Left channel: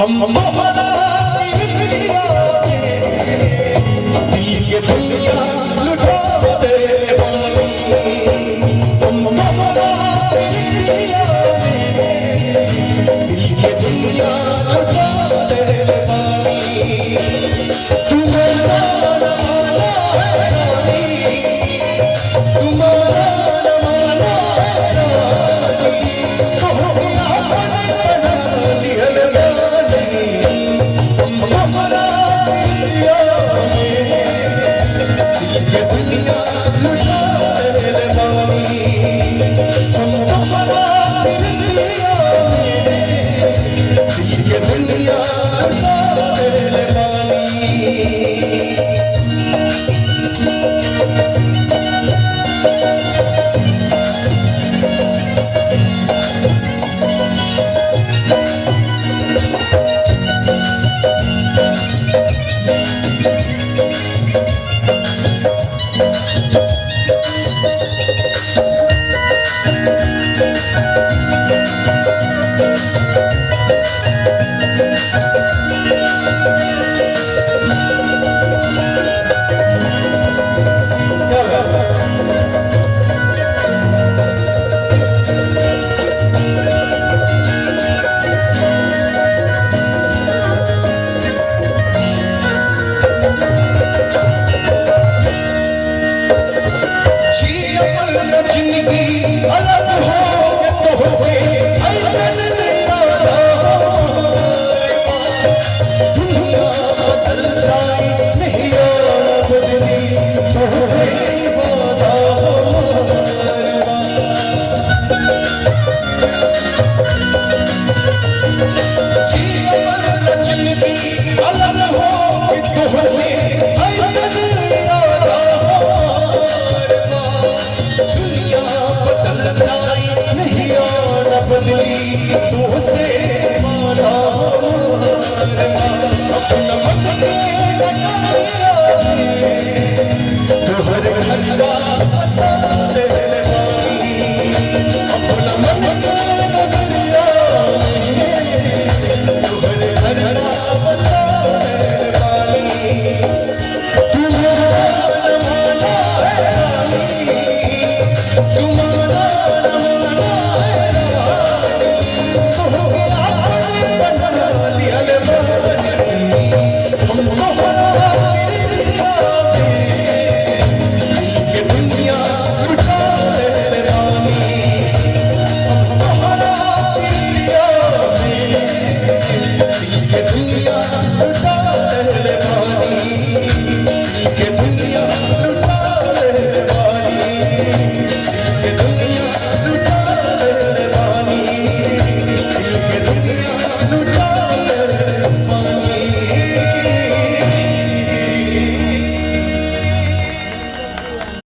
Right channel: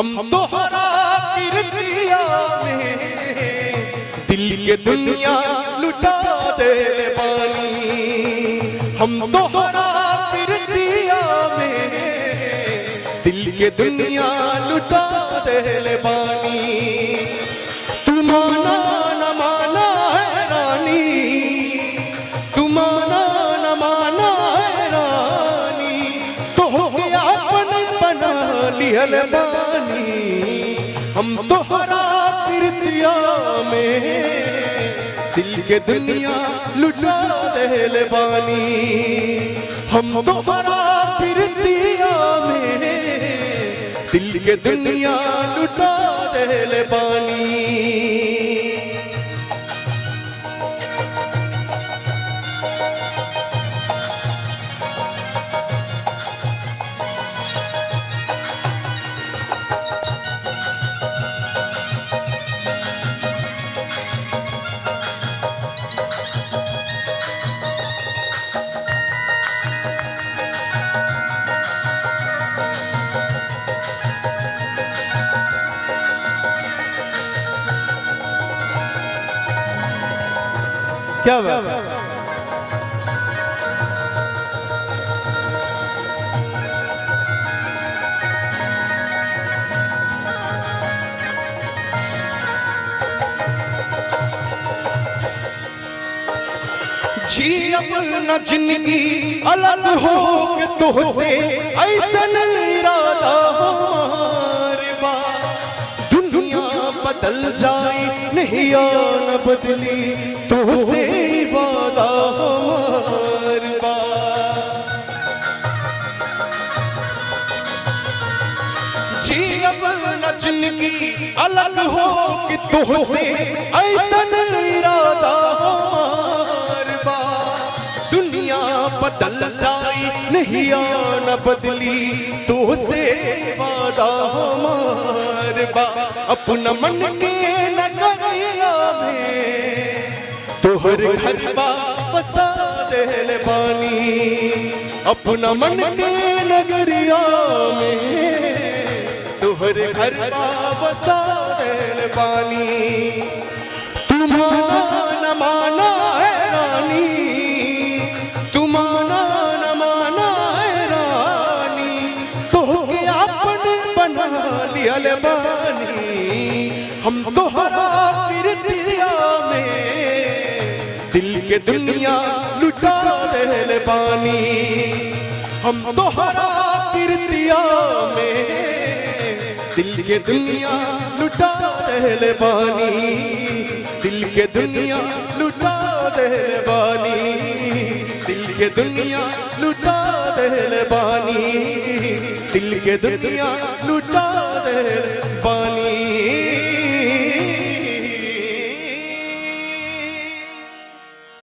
हम तुम्हारा तीर्थिया में दिल के दुनिया लुटा दे वाली। हम तुम्हारा तीर्थिया में दिल के दुनिया लुटा दे वाली। तुम्हारा नमाना है रानी, तुम्हारा नमाना है रानी, तो क्या बना लिहल दुनिया लुटा दे वाली। हम तुम्हारा प्रीतिया में दिल के दुनिया लुटा दे वाली। क्या बात है? जी अमर न जिंदगी अलग हो तुझसे ऐसा नहीं आता हमारे माँ। दुनिया बदल जाए नहीं आना बदली तुझसे वादा हमारे माँ। जी अमर न जिंदगी अलग हो तुझसे ऐसा नहीं आता हमारे माँ। दुनिया बदल जाए नहीं आना बदली तुझसे वादा हमारे माँ। अपना मन में लगा दिया तोहर घर वापस आ दे वाली। अपना मन में लग दिया तोहर घर वापस आ दे वाली। तुम्हारा नमाना है रानी, तुम्हारा नमाना है रानी, तो क्या बना लिया वाली। हम तुम्हारा तीर्थिया में दिल के दुनिया लुटा दे वाली। हम तुम्हारा तीर्थिया में दिल के दुनिया लुटा दे वाली। दिल के दुनिया लुटा दे वाली। दिल के दुनिया लुटा दे वाली। दिल के दुनिया